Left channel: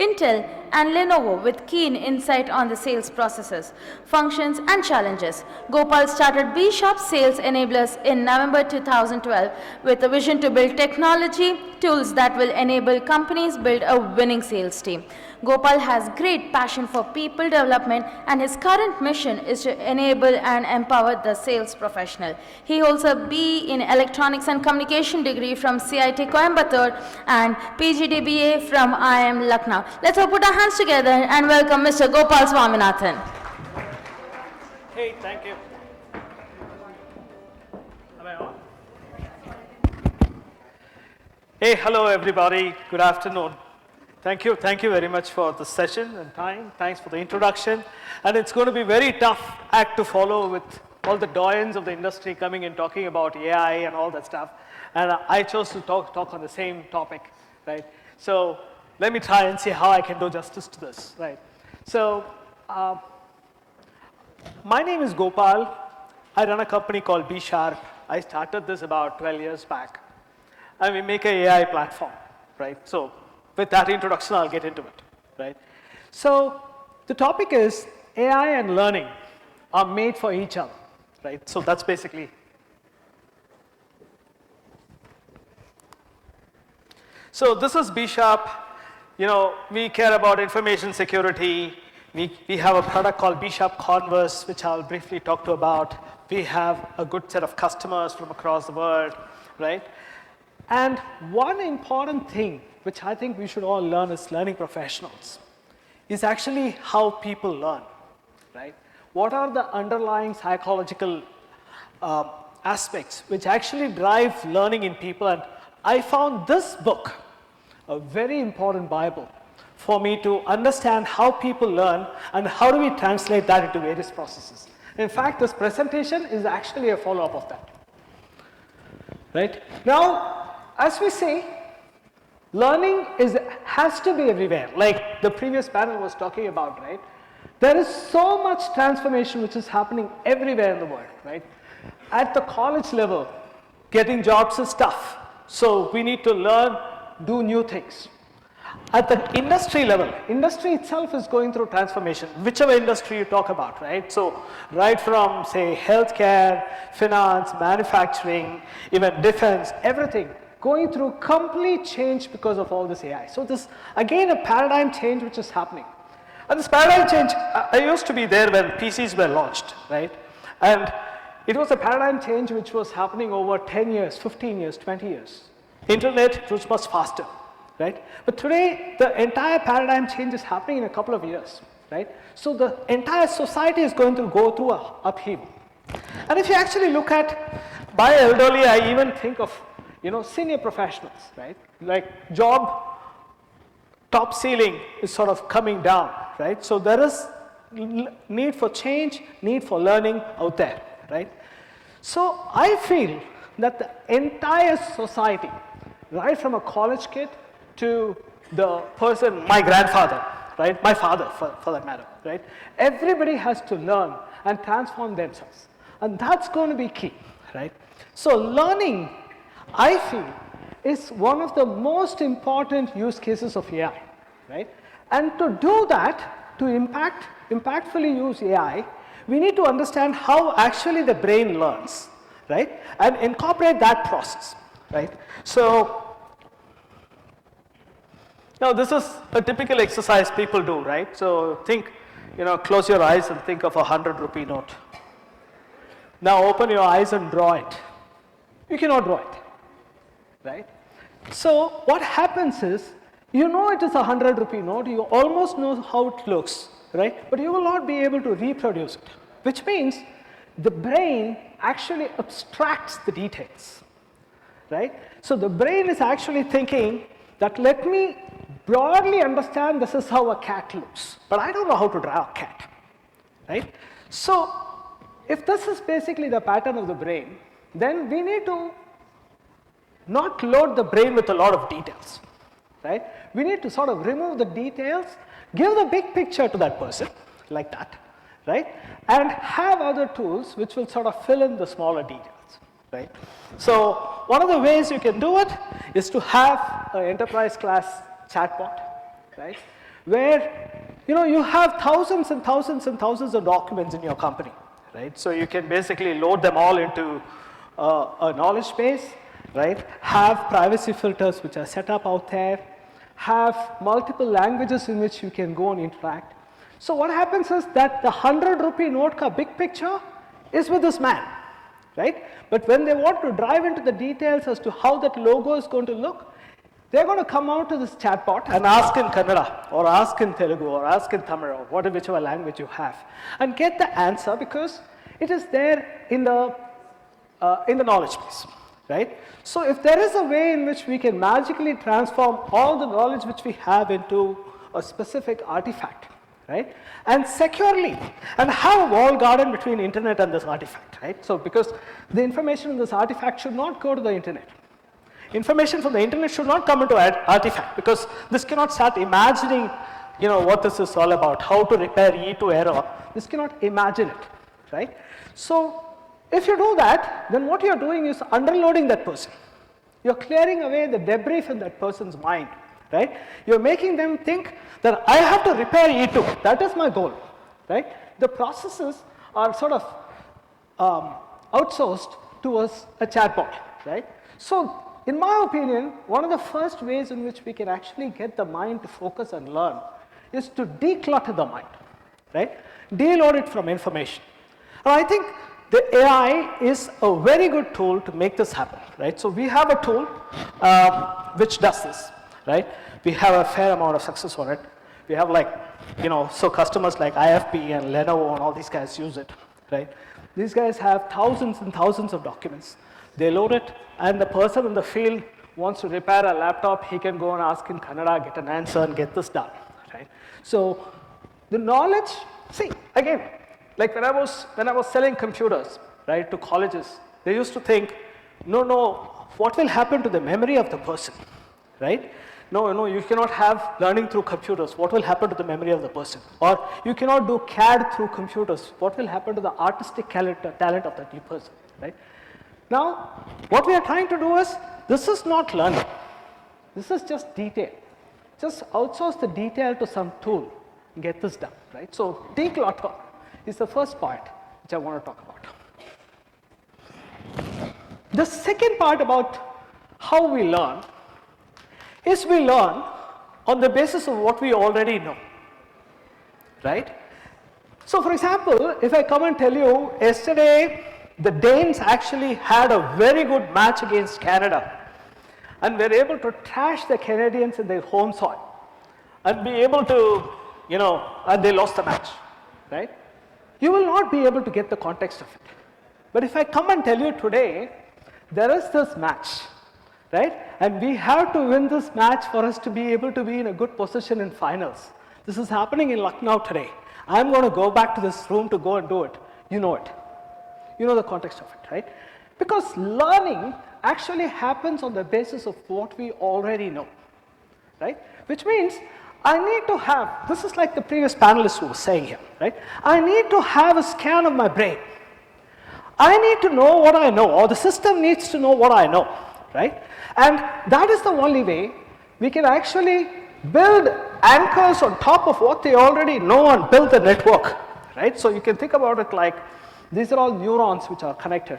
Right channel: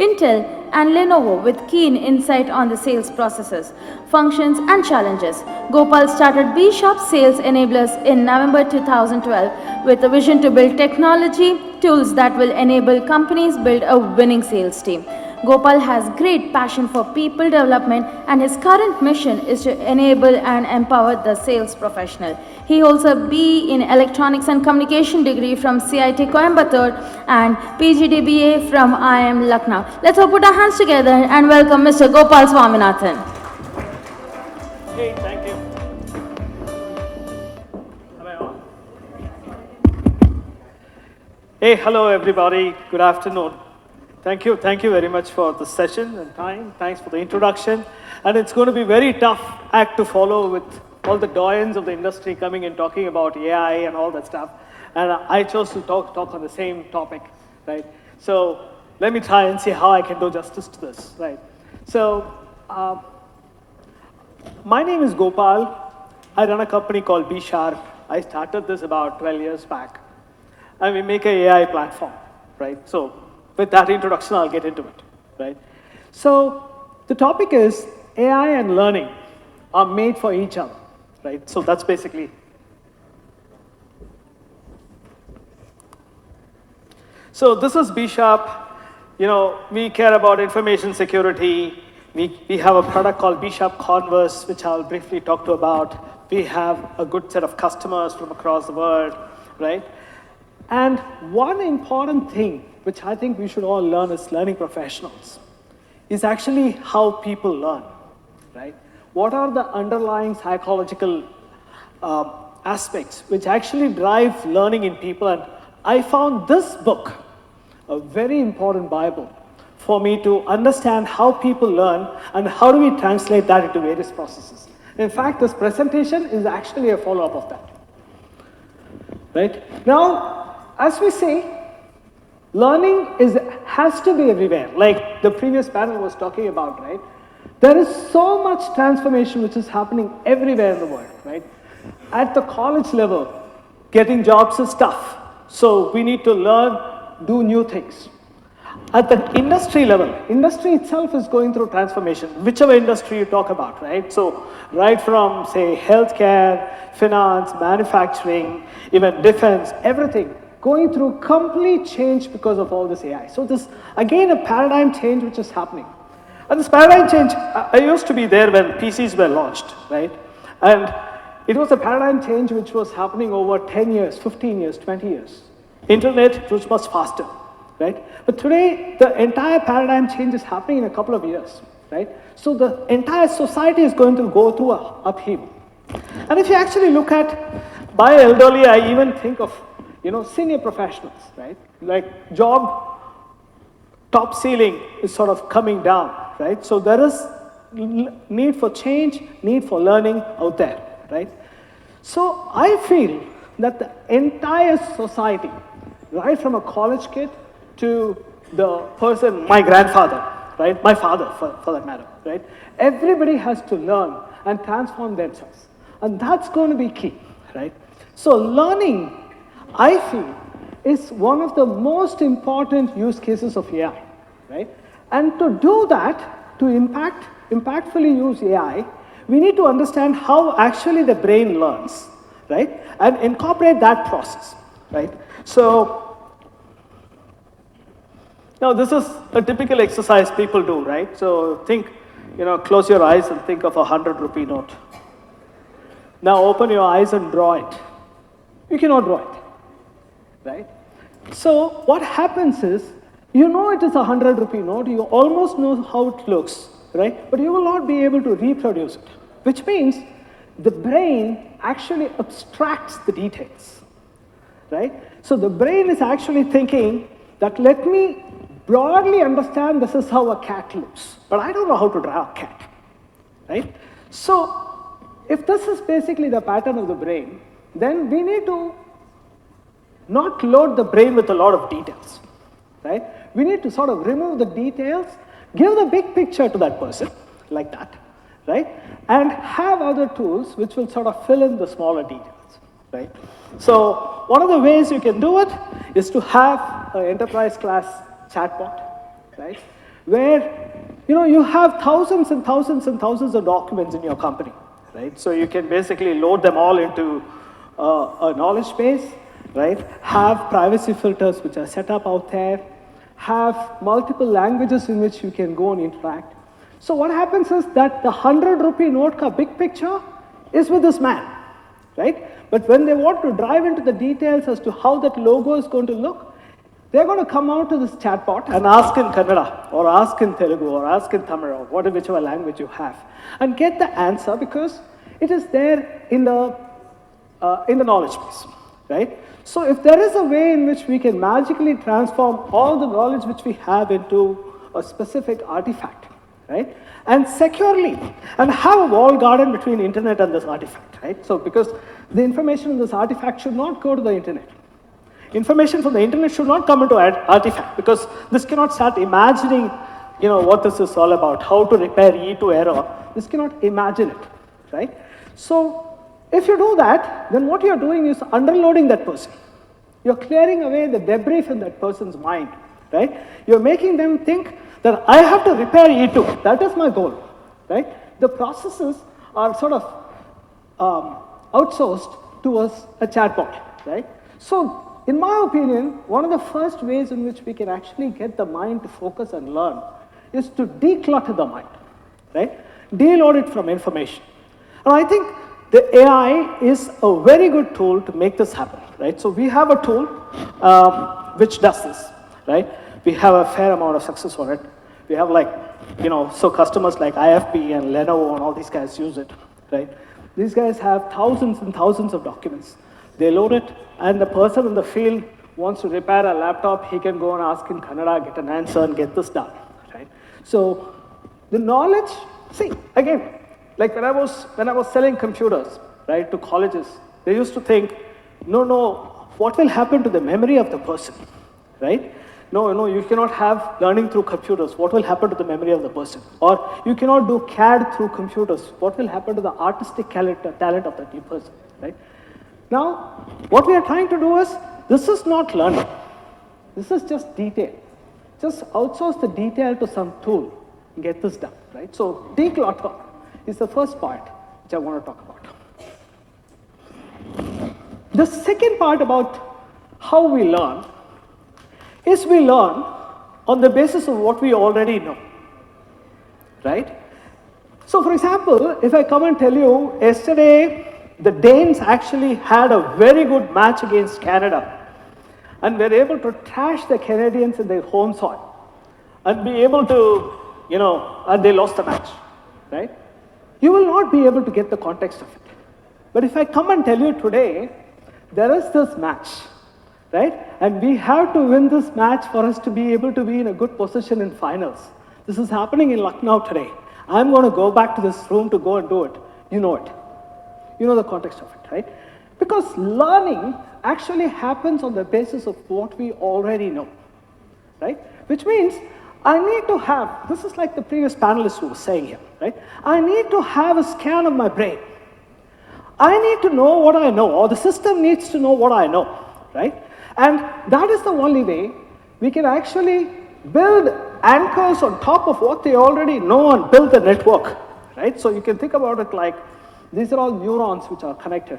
Intel, and Lenovo with keen insight on the sales processes, functions, and challenges. Gopal started Bsharp Sales Enablers in November 2012 with a vision to build technology tools that will enable companies build a winning sales team. Gopal has great passion for people development, and his current mission is to enable and empower the sales professional. He holds a BE in Electronics and Communication degree from CIT Coimbatore and PGDBA from IIM Lucknow. Let's all put our hands together and welcome Mr. Gopal Swaminathan. Hey, thank you. Hey, hello everybody. Good afternoon. Thank you very much for the session and time. Thanks for the introduction. And it's going to be very tough act to follow with all the doyens of the industry coming and talking about AI and all that stuff. And I chose to talk on the same topic, right? So let me try and see how I can do justice to this, right? So my name is Gopal. I run a company called Bsharp. I started this about 12 years back. And we make an AI platform, right? So with that introduction, I'll get into it, right? So the topic is AI and learning are made for each other, right? So that's basically. So this is Bsharp. You know, we care about information security. We have a product called Bsharp Converse, which I'll briefly talk to about. We have a good set of customers from across the world, right? And one important thing which I think we should all learn as learning professionals, is actually how people learn, right? What are the underlying psychological aspects which actually drive learning in people? And I found this book a very important Bible for me to understand how people learn and how do we translate that into various processes. In fact, this presentation is actually a follow-up of that, right? Now, as we say, learning has to be everywhere, like the previous panel was talking about, right? There is so much transformation which is happening everywhere in the world, right? At the college level, getting jobs is tough. So we need to learn, do new things. At the industry level, industry itself is going through transformation, whichever industry you talk about, right? So right from, say, healthcare, finance, manufacturing, even defense, everything, going through complete change because of all this AI. So this, again, a paradigm change which is happening. And this paradigm change, I used to be there when PCs were launched, right? And it was a paradigm change which was happening over 10 years, 15 years, 20 years. Internet, it was much faster, right? But today, the entire paradigm change is happening in a couple of years, right? So the entire society is going to go through an upheaval. And if you actually look at, by elderly, I even think of senior professionals, right? Like job top ceiling is sort of coming down, right? So there is need for change, need for learning out there, right? So I feel that the entire society, right from a college kid to the person, my grandfather, right? My father, for that matter, right? Everybody has to learn and transform themselves. And that's going to be key, right? So learning, I feel, is one of the most important use cases of AI, right? And to do that, to impactfully use AI, we need to understand how actually the brain learns, right? And incorporate that process, right? So, this is a typical exercise people do, right? So think, close your eyes and think of a 100-rupee note. Now open your eyes and draw it. You cannot draw it, right? So what happens is, it is a 100-rupee note, you almost know how it looks, right? But you will not be able to reproduce it, which means the brain actually abstracts the details, right? So the brain is actually thinking that let me broadly understand this is how a cat looks, but I don't know how to draw a cat, right? So if this is basically the pattern of the brain, then we need to not load the brain with a lot of details, right? We need to sort of remove the details, give the big picture to that person, like that, right? And have other tools which will sort of fill in the smaller details, right? So one of the ways you can do it is to have an enterprise class chatbot, right? where you have thousands and thousands and thousands of documents in your company, right? So you can basically load them all into a knowledge base, right? Have privacy filters which are set up out there, have multiple languages in which you can go and interact. So what happens is that the 100 rupee note ka big picture is with this man, right? But when they want to drive into the details as to how that logo is going to look, they're going to come out to this chatbot and ask in Kannada, or ask in Telugu, or ask in Tamil, or whichever language you have, and get the answer because it is there in the knowledge base, right? So if there is a way in which we can magically transform all the knowledge which we have into a specific artifact, right? And securely, and have a walled garden between internet and this artifact, right? So because the information in this artifact should not go to the internet. Information from the internet should not come into an artifact because this cannot start imagining, what this is all about, how to repair E2 error. This cannot imagine it, right? So if you do that, then what you're doing is underloading that person. You're clearing away the debris from that person's mind, right? You're making them think that I have to repair E2. That is my goal, right? The processes are sort of outsourced to us, a chatbot, right? So in my opinion, one of the first ways in which we can actually get the mind to focus and learn is to declutter the mind, right? Deload it from information. And I think the AI is a very good tool to make this happen, right? So we have a tool which does this, right? We have a fair amount of success on it. We have so customers like IFP and Lenovo and all these guys use it, right? These guys have thousands and thousands of documents. They load it, and the person in the field wants to repair a laptop, he can go and ask in Kannada, get an answer, and get this done, right? So the knowledge, see, again, like when I was selling computers, right, to colleges, they used to think, no, what will happen to the memory of the person, right? No, you cannot have learning through computers. What will happen to the memory of the person? Or you cannot do CAD through computers. What will happen to the artistic talent of that new person, right? Now, what we are trying to do is, this is not learning. This is just detail. Just outsource the detail to some tool and get this done, right? So declutter is the first part which I want to talk about. The second part about how we learn is we learn on the basis of what we already know, right? So for example, if I come and tell you, yesterday the Danes actually had a very good match against Canada and were able to trash the Canadians in their home soil and be able to, and they lost the match, right? You will not be able to get the context of it. But if I come and tell you today, there is this match, right? And we have to win this match for us to be able to be in a good position in finals. This is happening in Lucknow today. I'm going to go back to this room to go and do it. You know it. You know the context of it, right? Because learning actually happens on the basis of what we already know, right? Which means I need to have, this is like the previous panelist who was saying here, right? I need to have a scan of my brain. I need to know what I know, or the system needs to know what I know, right? And that is the only way we can actually build anchors on top of what they already know and build the network, right? So you can think about it like, these are all neurons which are connected,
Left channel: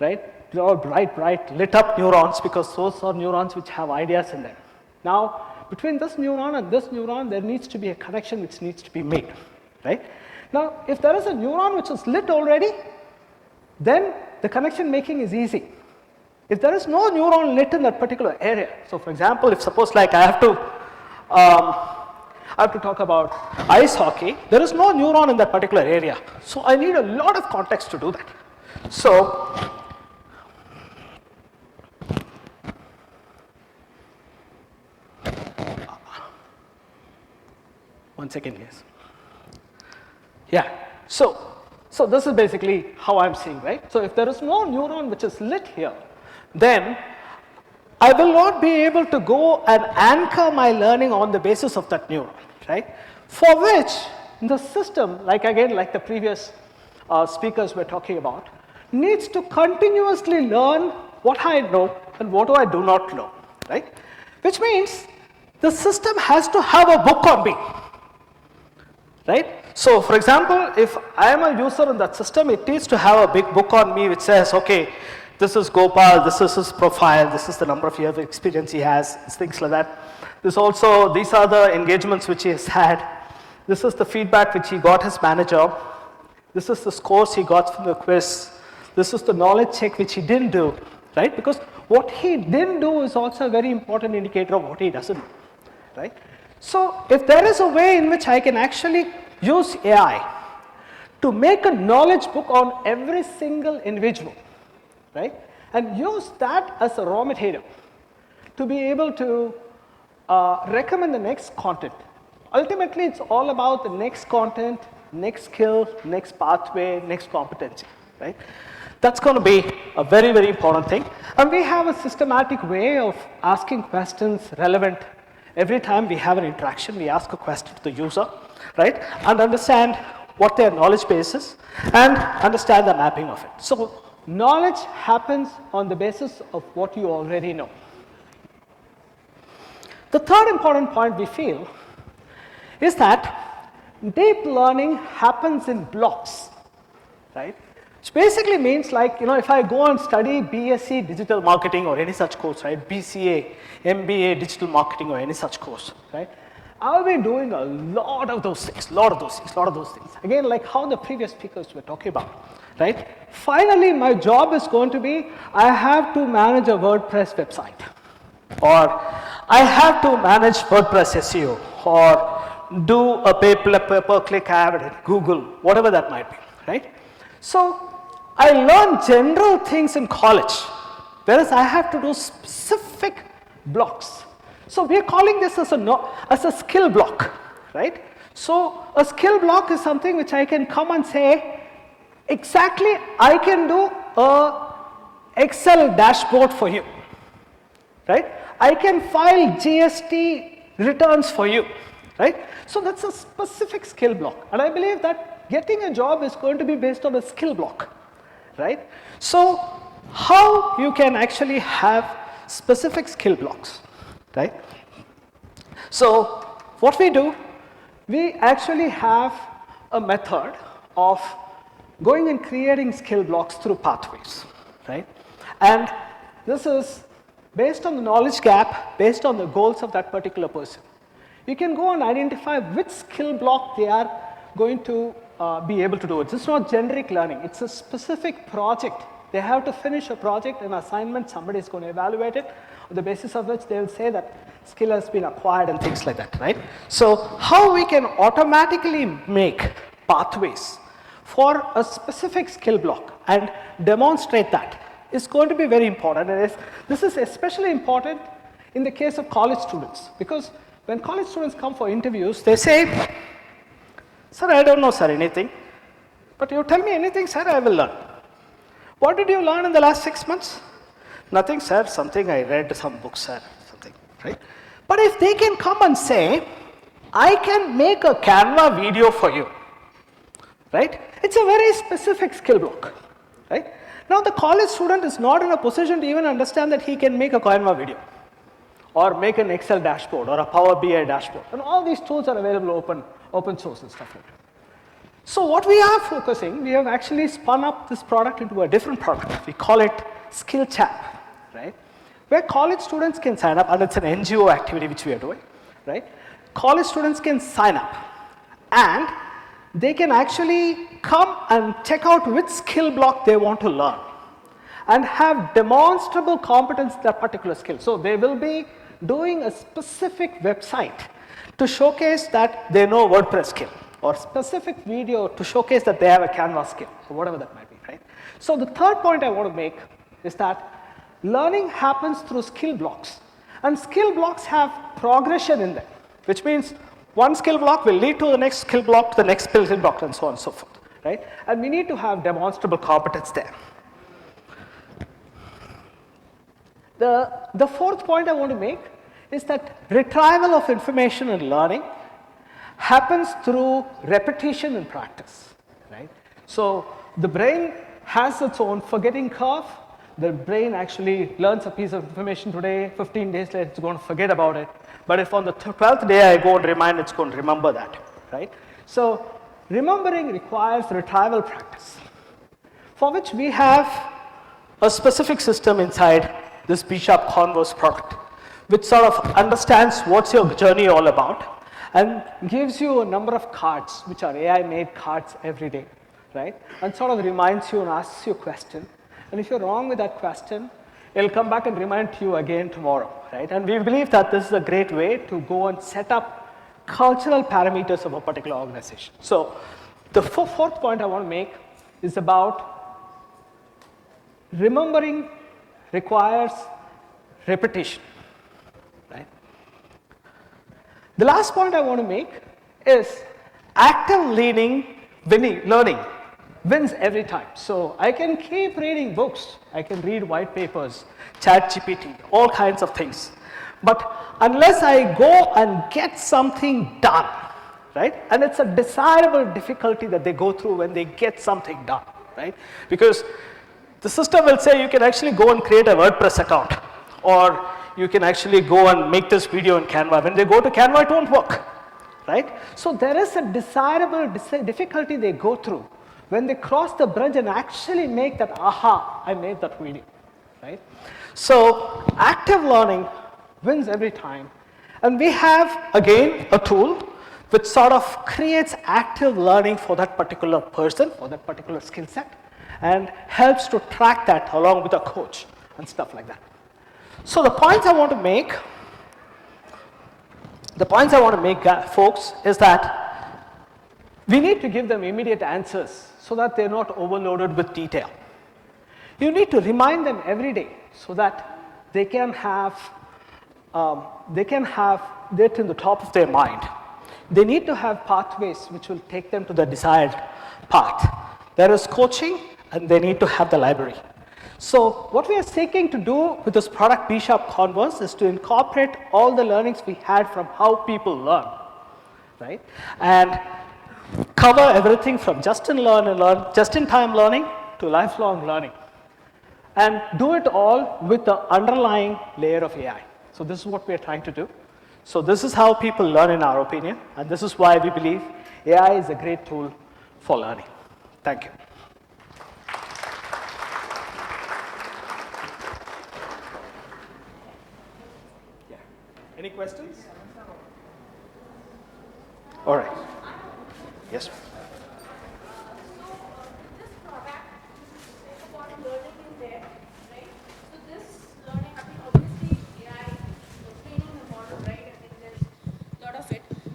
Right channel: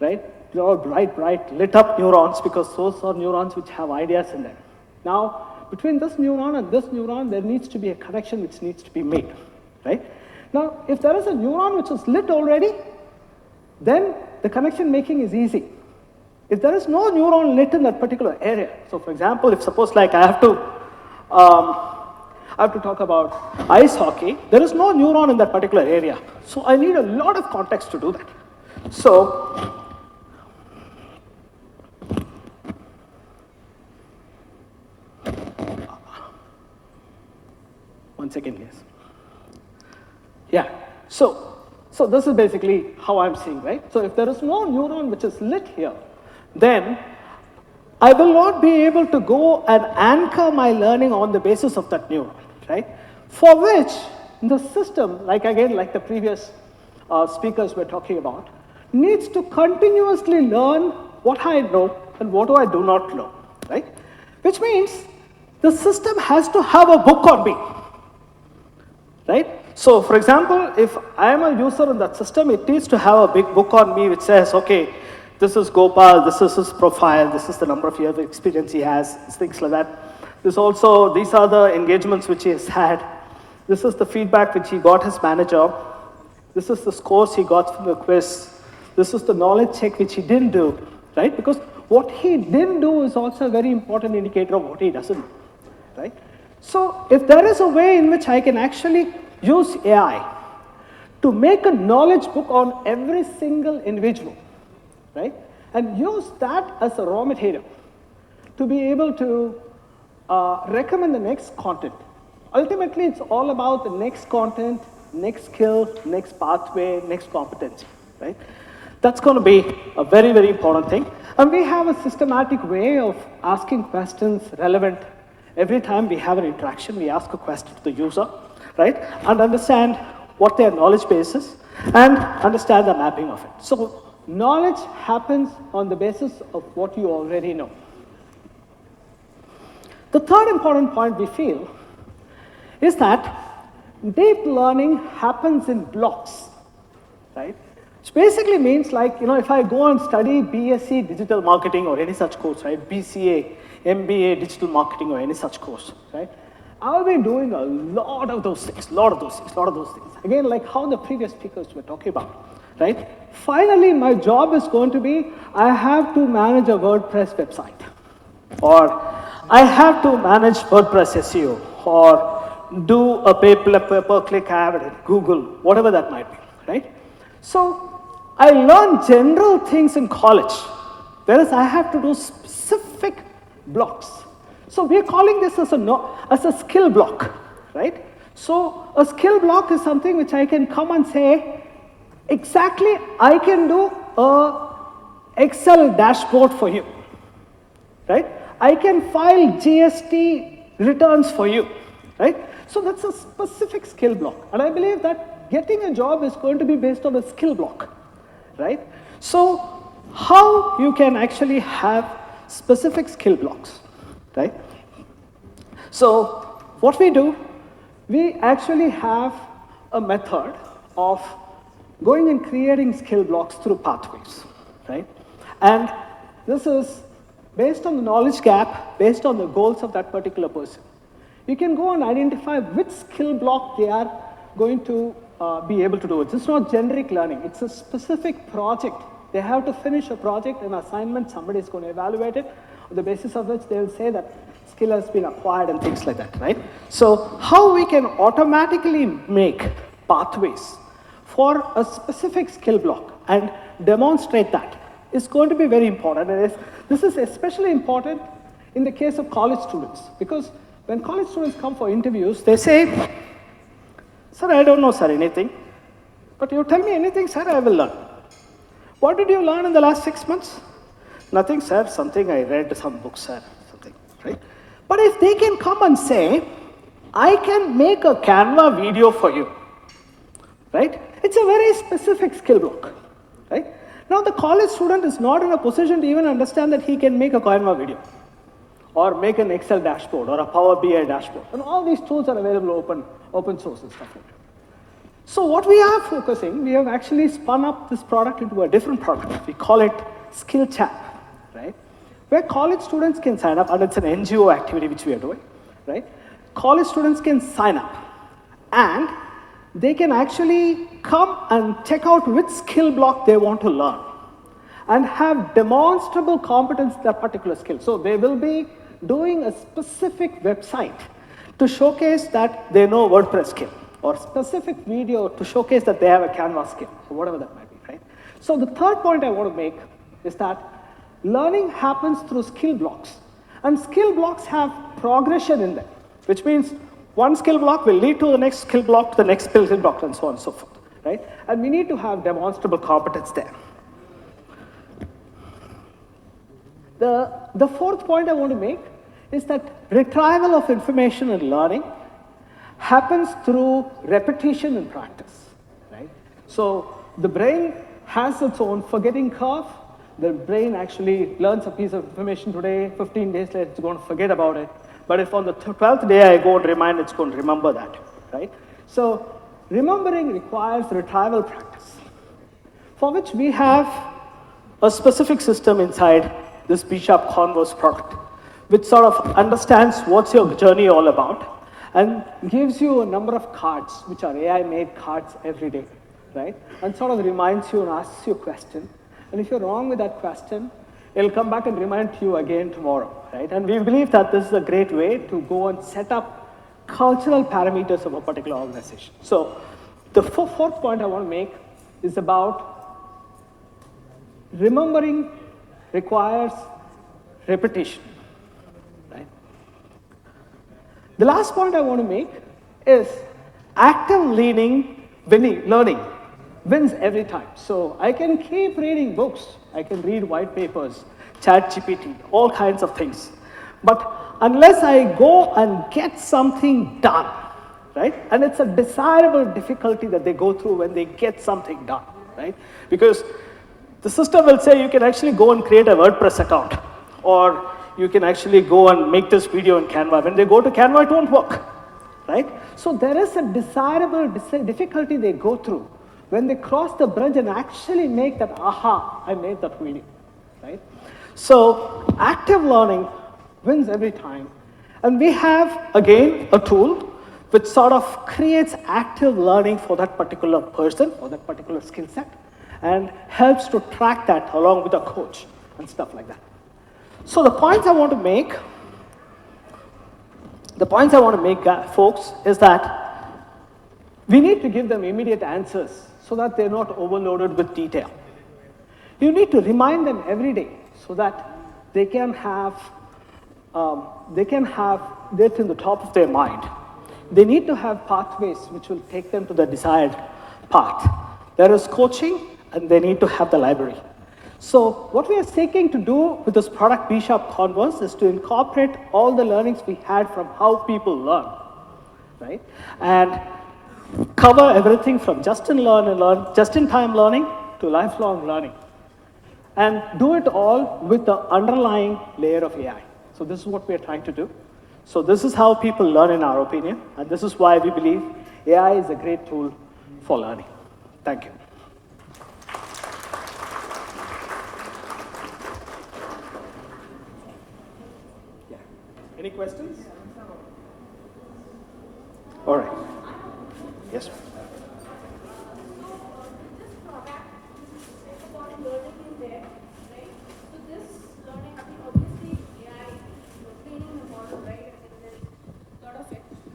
right? They're all bright, lit up neurons because those are neurons which have ideas in them. Now, between this neuron and this neuron, there needs to be a connection which needs to be made, right? Now, if there is a neuron which is lit already, then the connection making is easy. If there is no neuron lit in that particular area, so for example, if suppose like I have to talk about ice hockey, there is no neuron in that particular area. So I need a lot of context to do that. So, one second, please. Yeah, so this is basically how I'm seeing, right? So if there is no neuron which is lit here, then I will not be able to go and anchor my learning on the basis of that neuron, right? For which the system, like the previous speakers were talking about, needs to continuously learn what I know and what I do not know, right? Which means the system has to have a book on me, right? So for example, if I am a user in that system, it needs to have a big book on me which says, okay, this is Gopal, this is his profile, this is the number of years of experience he has, things like that. These are the engagements which he has had. This is the feedback which he got his manager. This is the scores he got from the quiz. This is the knowledge check which he didn't do, right? Because what he didn't do is also a very important indicator of what he doesn't do, right? So if there is a way in which I can actually use AI to make a knowledge book on every single individual, right? And use that as a raw material to be able to recommend the next content. Ultimately, it's all about the next content, next skill, next pathway, next competency, right? That's going to be a very, very important thing. And we have a systematic way of asking questions relevant. Every time we have an interaction, we ask a question to the user, right? And understand what their knowledge base is and understand the mapping of it. So knowledge happens on the basis of what you already know. The third important point we feel is that deep learning happens in blocks, right? Which basically means like, if I go and study BSc digital marketing or any such course, right? BCA, MBA digital marketing or any such course, right? I'll be doing a lot of those things. Again, like how the previous speakers were talking about, right? Finally, my job is going to be, I have to manage a WordPress website, or I have to manage WordPress SEO, or do a pay-per-click ad at Google, whatever that might be, right? So I learned general things in college, whereas I have to do specific blocks. So we're calling this as a skill block, right? So a skill block is something which I can come and say, exactly, I can do a Excel dashboard for you, right? I can file GST returns for you, right? So that's a specific skill block. And I believe that getting a job is going to be based on a skill block, right? So how you can actually have specific skill blocks, right? So what we do, we actually have a method of going and creating skill blocks through pathways, right? And this is based on the knowledge gap, based on the goals of that particular person. You can go and identify which skill block they are going to be able to do. It's not generic learning, it's a specific project. They have to finish a project, an assignment, somebody is going to evaluate it, on the basis of which they will say that skill has been acquired and things like that, right? So how we can automatically make pathways for a specific skill block and demonstrate that is going to be very important. And this is especially important in the case of college students, because when college students come for interviews, they say, sir, I don't know, sir, anything. But you tell me anything, sir, I will learn. What did you learn in the last 6 months? Nothing, sir, something I read, some books, sir, something, right? But if they can come and say, I can make a Canva video for you, right? It's a very specific skill block, right? Now the college student is not in a position to even understand that he can make a Canva video, or make an Excel dashboard, or a Power BI dashboard. And all these tools are available open source and stuff like that. So what we are focusing, we have actually spun up this product into a different product. We call it Skill Chat, right? Where college students can sign up, and it's an NGO activity which we are doing, right? College students can sign up, and they can actually come and check out which skill block they want to learn, and have demonstrable competence in that particular skill. So they will be doing a specific website to showcase that they know WordPress skill, or specific video to showcase that they have a Canva skill, or whatever that might be, right? So the third point I want to make is that learning happens through skill blocks, and skill blocks have progression in them, which means one skill block will lead to the next skill block, to the next skill block, and so on and so forth, right? And we need to have demonstrable competence there. The fourth point I want to make is that retrieval of information and learning happens through repetition and practice, right? So the brain has its own forgetting curve. The brain actually learns a piece of information today, 15 days later it's going to forget about it. But if on the 12th day I go and remind, it's going to remember that, right? So remembering requires retrieval practice, for which we have a specific system inside this Bsharp Converse product, which sort of understands what's your journey all about and gives you a number of cards, which are AI-made cards every day, right? And sort of reminds you and asks you a question. And if you're wrong with that question, it'll come back and remind you again tomorrow, right? And we believe that this is a great way to go and set up cultural parameters of a particular organization. So the fourth point I want to make is about remembering requires repetition, right? The last point I want to make is active learning wins every time. So I can keep reading books, I can read white papers, ChatGPT, all kinds of things. But unless I go and get something done, right? And it's a desirable difficulty that they go through when they get something done, right? Because the system will say you can actually go and create a WordPress account, or you can actually go and make this video in Canva. When they go to Canva, it won't work, right? So there is a desirable difficulty they go through when they cross the bridge and actually make that, aha, I made that video, right? So active learning wins every time. And we have, again, a tool which sort of creates active learning for that particular person or that particular skill set and helps to track that along with a coach and stuff like that. So the points I want to make, folks, is that we need to give them immediate answers so that they're not overloaded with detail. You need to remind them every day so that they can have that in the top of their mind. They need to have pathways which will take them to the desired path. There is coaching, and they need to have the library. So what we are seeking to do with this product Bsharp Converse is to incorporate all the learnings we had from how people learn, right? And cover everything from just-in-time learning to lifelong learning. And do it all with the underlying layer of AI. So this is what we're trying to do. So this is how people learn in our opinion, and this is why we believe AI is a great tool for learning. Thank you. Yeah. Any questions? All right. Yes.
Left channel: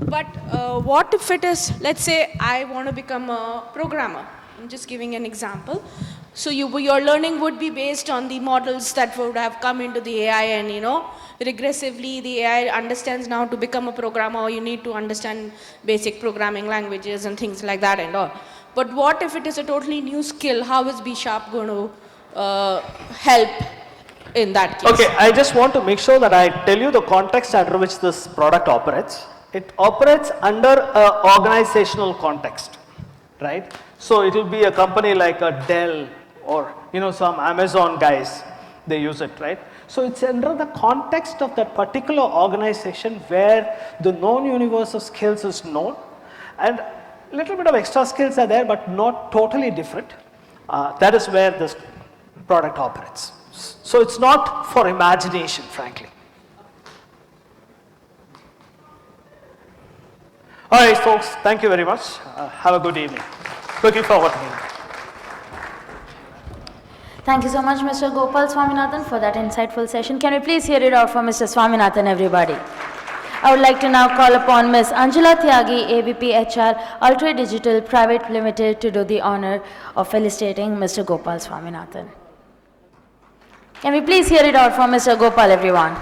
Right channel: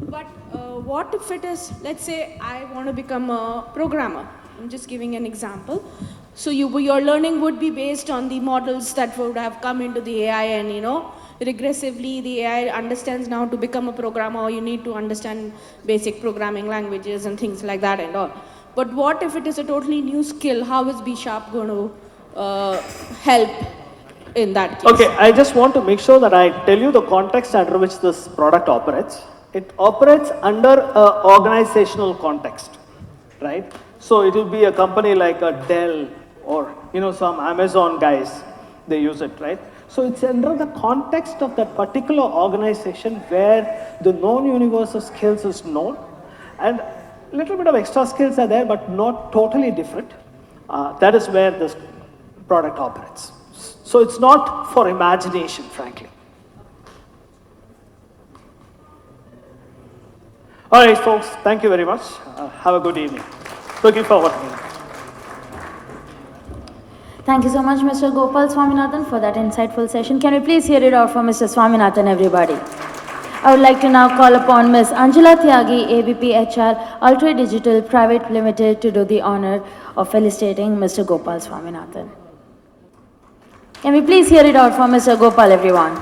But what if it is, let's say I want to become a programmer. I'm just giving an example. So your learning would be based on the models that would have come into the AI, and regressively the AI understands now to become a programmer, or you need to understand basic programming languages and things like that and all. But what if it is a totally new skill? How is Bsharp going to help in that case? Okay, I just want to make sure that I tell you the context under which this product operates. It operates under an organizational context, right? So it will be a company like a Dell or some Amazon guys, they use it, right? So it's under the context of that particular organization where the known universe of skills is known, and a little bit of extra skills are there, but not totally different. That is where this product operates. So it's not for imagination, frankly. All right, folks, thank you very much. Have a good evening. Looking forward to it. Thank you so much, Mr. Gopal Swaminathan, for that insightful session. Can we please hear it out for Mr. Swaminathan, everybody? I would like to now call upon Ms. Anjula Tyagi, AVP HR, Ultra Digital Private Limited, to do the honor of felicitating Mr. Gopal Swaminathan. Can we please hear it out for Mr. Gopal, everyone?